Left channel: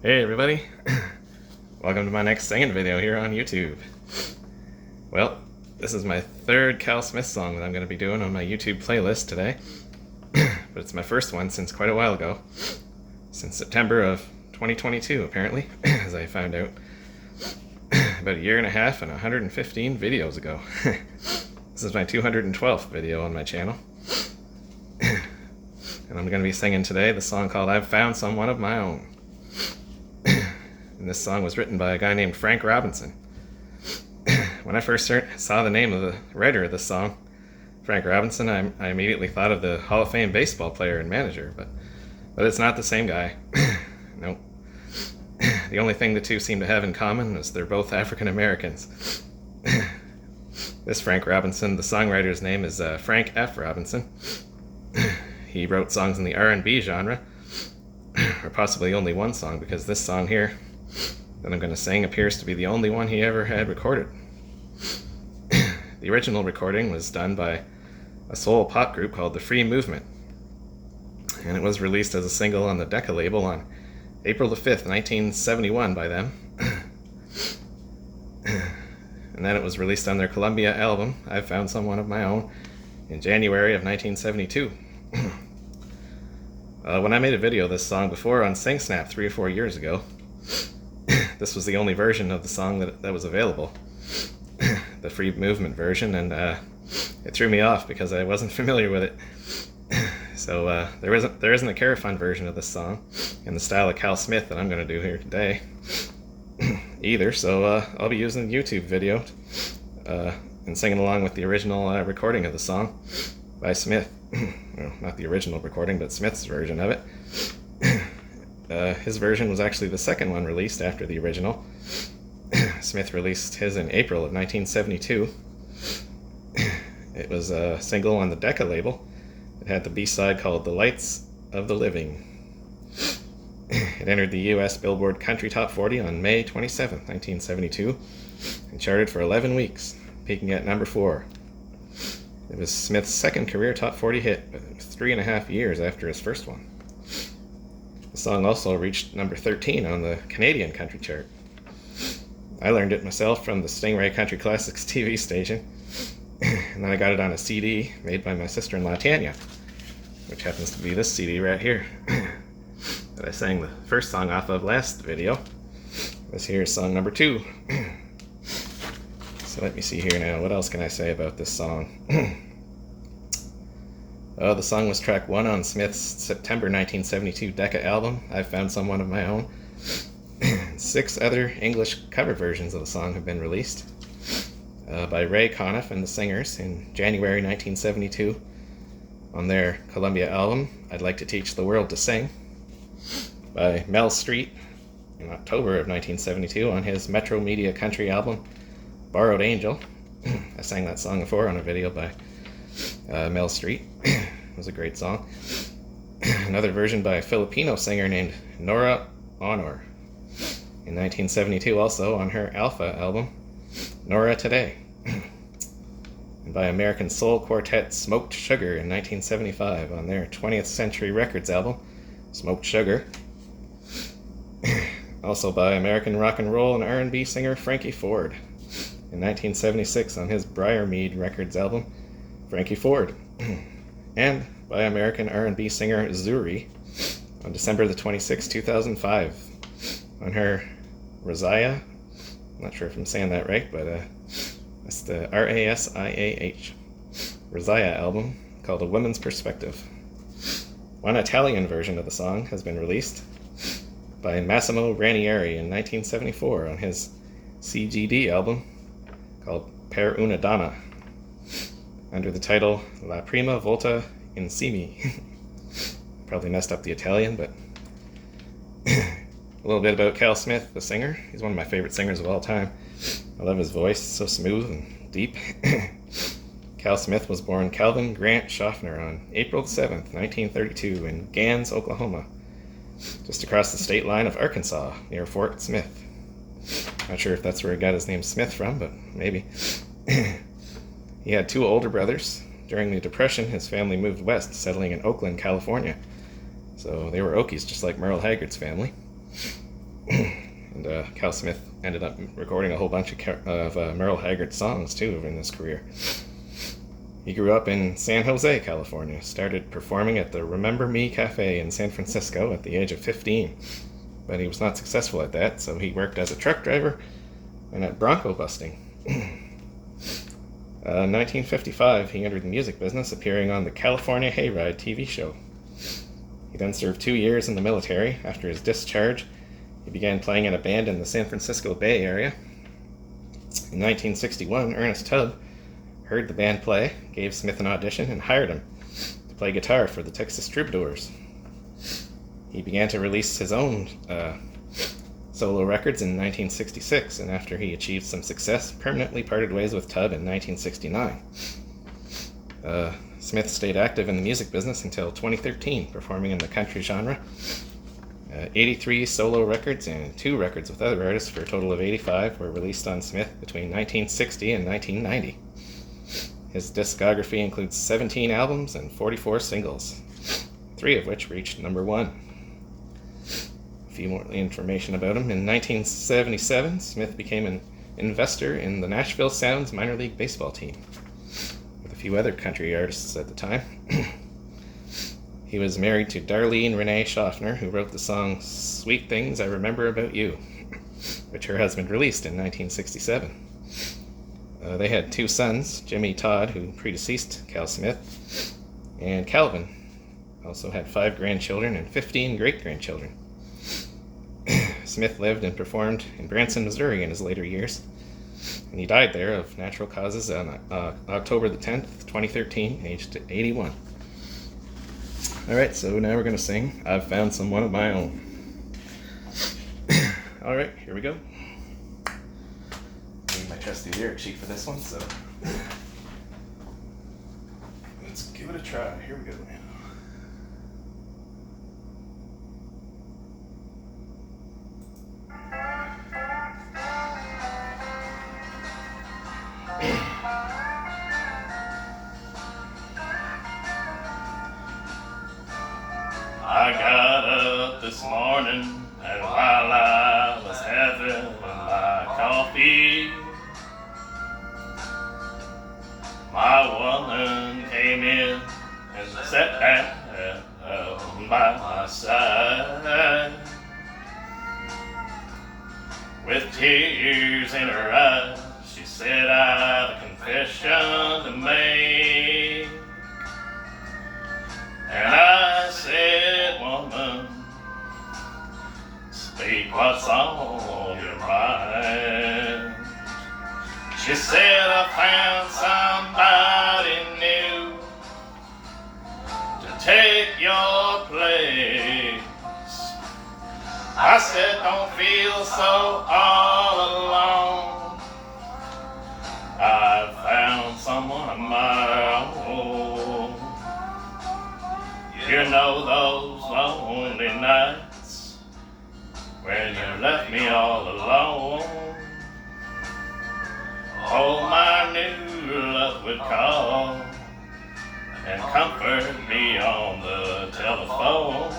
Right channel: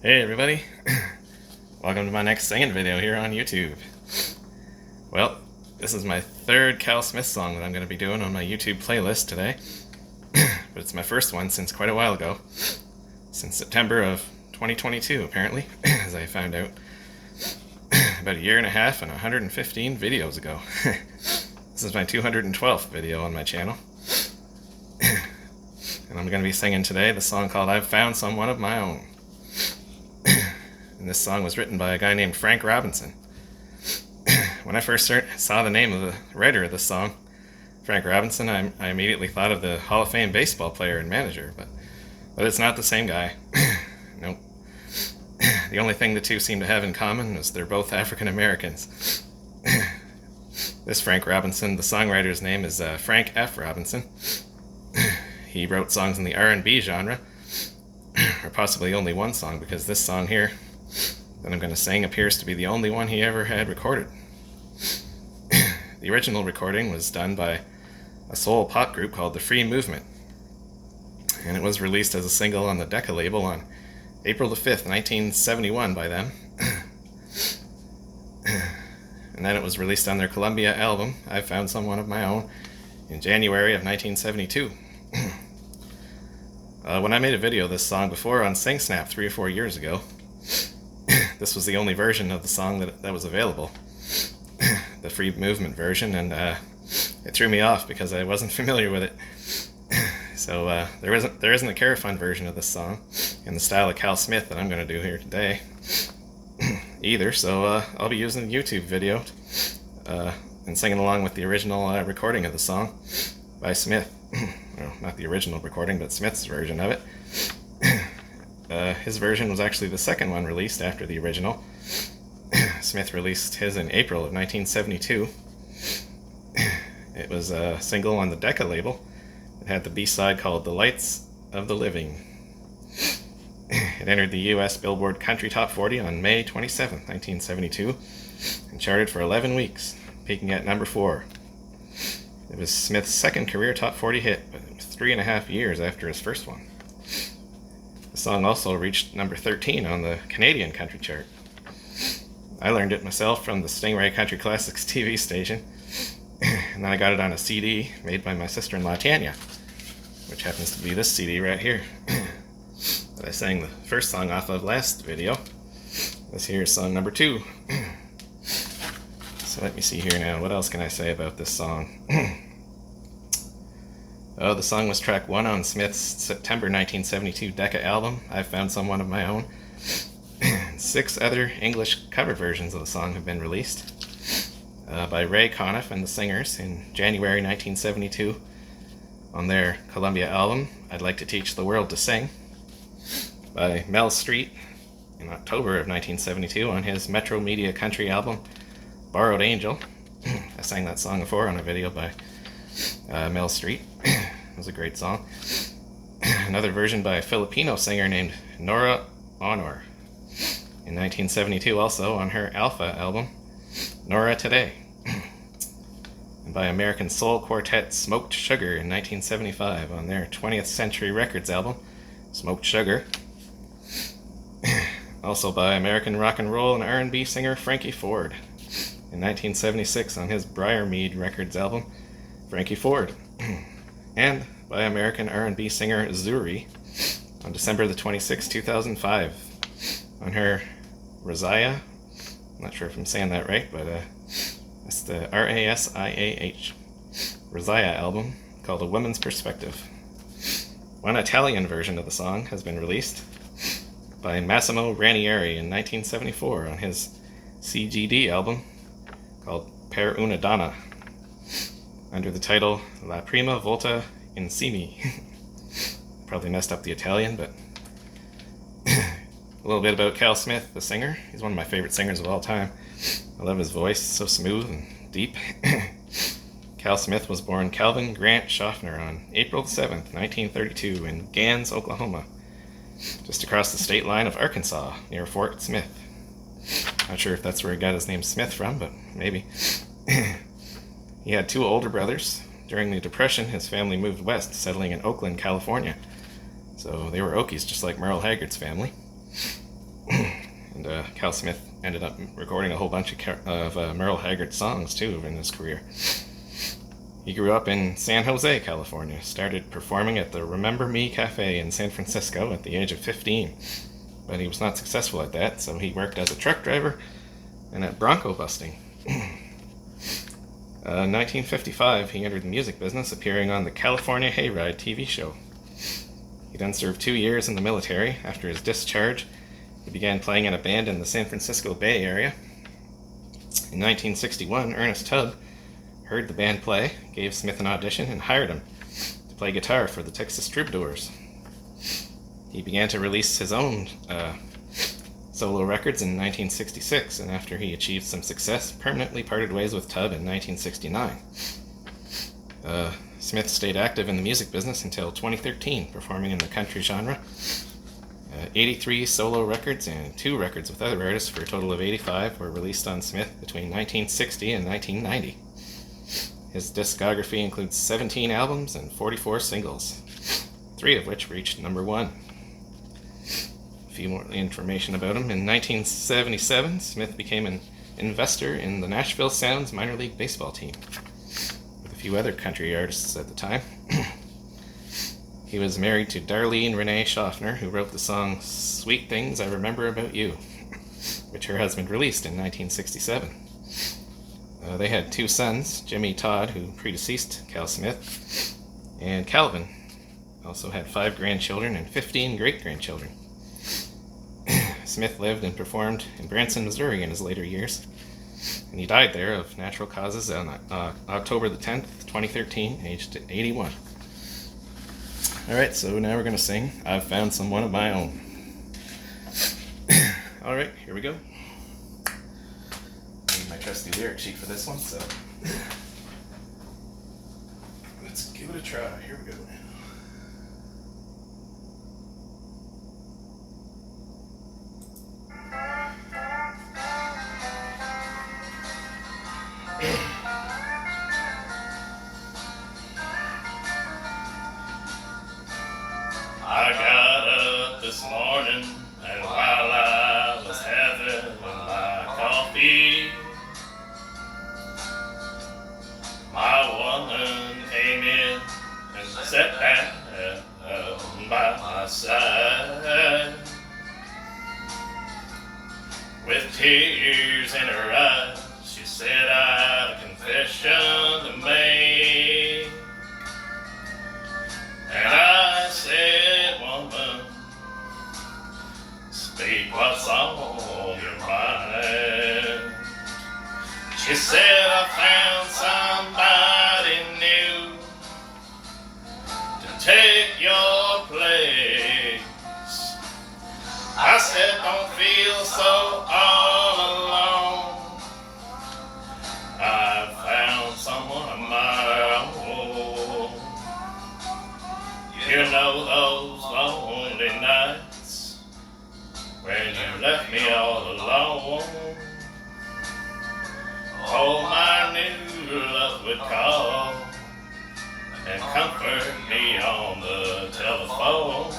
Hey everybody, welcome to my next singing video here on YouTube. Well, this is my third Cal Smith song that I'm going to be doing on my YouTube playlist today, but it's my first one since quite a while ago, since September of 2022 apparently, as I found out about a year and a half and 115 videos ago. This is my 212th video on my channel, and I'm going to be singing today the song called I've Found Someone of My Own. And this song was written by a guy named Frank Robinson. When I first saw the name of the writer of this song, Frank Robinson, I immediately thought of the Hall of Fame baseball player and manager, but it's not the same guy. Nope. The only thing the two seem to have in common is they're both African Americans. This Frank Robinson, the songwriter's name is Frank F. Robinson. He wrote songs in the R&B genre, or possibly only one song, because this song here that I'm going to sing appears to be the only one he ever had recorded. The original recording was done by a soul pop group called the Free Movement, and it was released as a single on the Decca label on April the 5th, 1971 by them. And then it was released on their Columbia album, I've Found Someone of My Own, in January of 1972. When I made a video of this song before on SingSnap 3 or 4 years ago, this was the only version of the song that was available, the Free Movement version, and it threw me off because I wasn't familiar with it. So there isn't a Carafun version of this song in the style of Cal Smith that I'm going to do here today either, so I'll be using the YouTube video and singing along with the original recording of the song by Smith. Well, not the original recording, but Smith's version of it. His version was actually the second one released after the original. Smith released his in April of 1972. It was a single on the Decca label. It had the B-side called The Lights of the Living. It entered the US Billboard Country Top 40 on May 27, 1972, and charted for 11 weeks, peaking at number 4. It was Smith's second career top 40 hit, but it was 3.5 years after his first one. The song also reached number 13 on the Canadian country chart. I learned it myself from the Stingray Country Classics TV station, and then I got it on a CD made by my sister-in-law Tanya, which happens to be this CD right here that I sang the first song off of last video. This here is song number 2. So let me see here now, what else can I say about this song? The song was track 1 on Smith's September 1972 Decca album, I've Found Someone of My Own. 6 other English cover versions of the song have been released by Ray Conniff and the Singers in January 1972 on their Columbia album, I'd Like to Teach the World to Sing, by Mel Street in October of 1972 on his Metro Media Country album, Borrowed Angel. I sang that song before on a video by Mel Street. It was a great song. Another version by a Filipino singer named Nora Honor in 1972 also on her Alpha album, Nora Today. And by American soul quartet Smoked Sugar in 1975 on their 20th Century Records album, Smoked Sugar. Also by American rock and roll and R&B singer Frankie Ford in 1976 on his Briarmead Records album, Frankie Ford. And by American R&B singer Zuri on December the 26th, 2005 on her Rasiah, I'm not sure if I'm saying that right, but it's the R-A-S-I-A-H, Rasiah album called A Woman's Perspective. One Italian version of the song has been released by Massimo Ranieri in 1974 on his CGD album called Per una donna, under the title La Prima Volta Insieme. Probably messed up the Italian, but a little bit about Cal Smith, the singer. He's one of my favorite singers of all time. I love his voice, so smooth and deep. Cal Smith was born Calvin Grant Schaffner on April 7th, 1932 in Gans, Oklahoma, just across the state line of Arkansas near Fort Smith. Not sure if that's where he got his name Smith from, but maybe. He had 2 older brothers. During the Depression, his family moved west, settling in Oakland, California. So they were Okies, just like Merle Haggard's family. And Cal Smith ended up recording a whole bunch of Merle Haggard songs too in his career. He grew up in San Jose, California, started performing at the Remember Me Cafe in San Francisco at the age of 15, but he was not successful at that, so he worked as a truck driver and at bronco busting. In 1955, he entered the music business, appearing on the California Hayride TV show. He then served 2 years in the military. After his discharge, he began playing in a band in the San Francisco Bay Area. In 1961, Ernest Tubb heard the band play, gave Smith an audition, and hired him to play guitar for the Texas Troubadours. He began to release his own solo records in 1966, and after he achieved some success, permanently parted ways with Tubb in 1969. Smith stayed active in the music business until 2013, performing in the country genre. 83 solo records and 2 records with other artists, for a total of 85, were released on Smith between 1960 and 1990. His discography includes 17 albums and 44 singles, 3 of which reached number 1. A few more information about him. In 1977, Smith became an investor in the Nashville Sounds minor league baseball team, with a few other country artists at the time. He was married to Darlene Renee Schaffner, who wrote the song Sweet Things I Remember About You, which her husband released in 1967. They had 2 sons, Jimmy Todd, who predeceased Cal Smith, and Calvin. Also had 5 grandchildren and 15 great-grandchildren. Smith lived and performed in Branson, Missouri in his later years, and he died there of natural causes on October the 10th, 2013, aged 81. Alright, so now we're going to sing I've Found Someone of My Own. Alright, here we go. Need my trusty lyric sheet for this one, so let's give it a try. Here we go. I got up this morning, and while I was having my coffee, my woman came in and sat down by my side. With tears in her eyes, she said, I have a confession to make. And I said, woman, speak what's on your mind. She said, I found somebody new to take your place. I said, don't feel so all alone. I found someone of my own. You know those lonely nights when you left me all alone. Oh, my new love would call and comfort me on the telephone.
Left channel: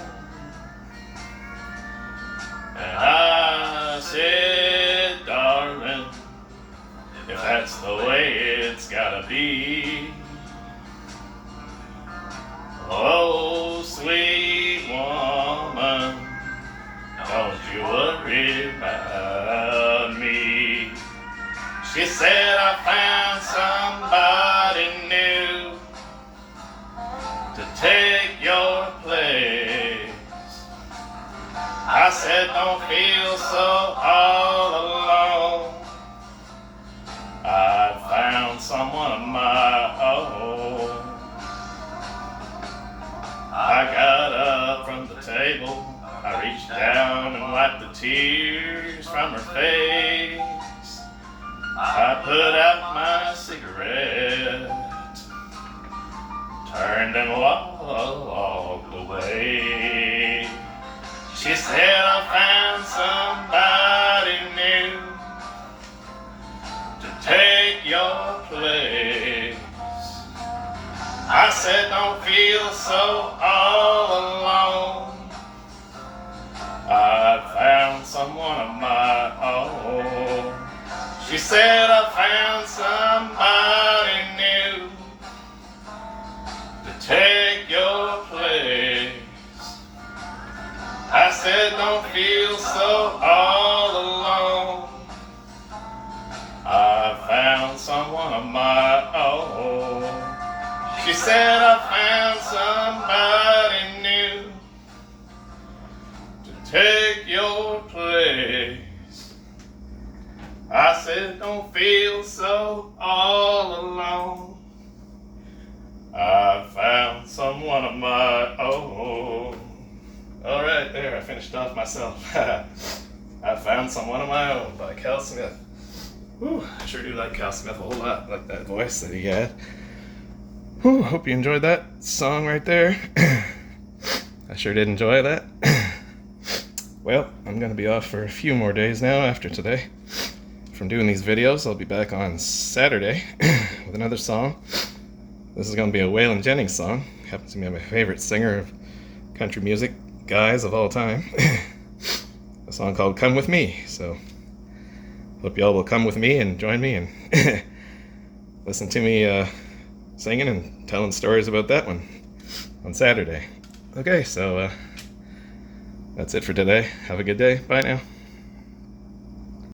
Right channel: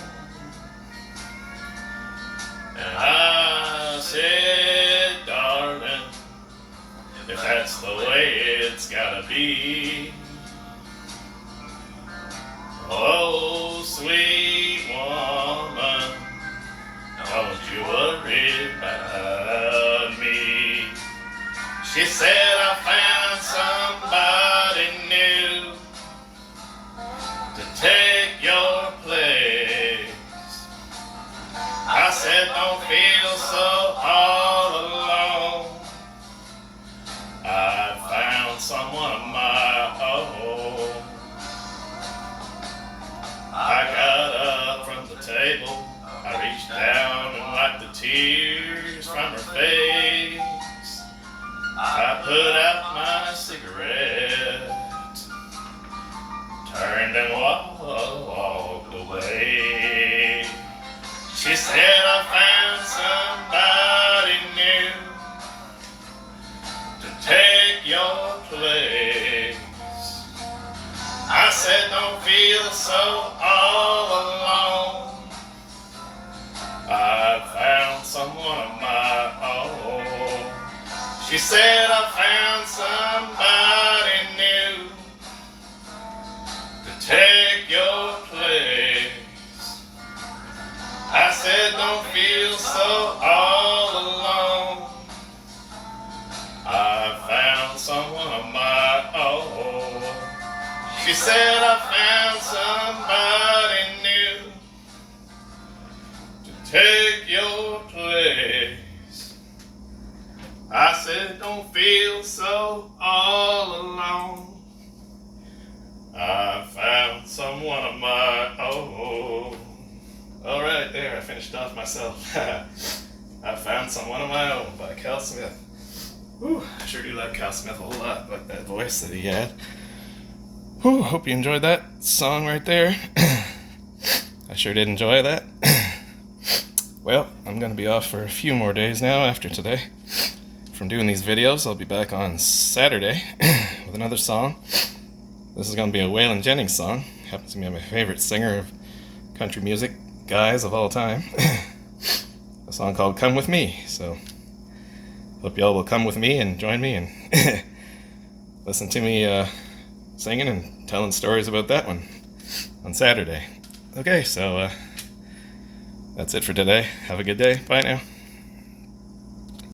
And I said, darling, if that's the way it's gotta be. Oh, sweet woman, don't you worry about me. She said, I found somebody new to take your place. I said, don't feel so all alone. I found someone of my own. I got up from the table, I reached down and wiped the tears from her face. I put out my cigarette, turned and walked away. She said, I found somebody new to take your place. I said, don't feel so all alone. I found someone of my own. She said I found somebody new to take your place. I said don't feel so all alone. I found someone of my own. She said I found somebody new to take your place. I said don't feel so all alone. I found someone of my own. All right, there, I finished off myself. I found someone of my own by Cal Smith. Whew, I sure do like Cal Smith a whole lot. I like that voice that he had. Whew, hope you enjoyed that song right there. I sure did enjoy that. Well, I'm going to be off for a few more days now after today from doing these videos. I'll be back on Saturday with another song. This is going to be a Waylon Jennings song. Happens to be my favorite singer of country music guys of all time. A song called Come With Me. So hope y'all will come with me and join me and listen to me singing and telling stories about that one on Saturday. Okay, so that's it for today. Have a good day. Bye now.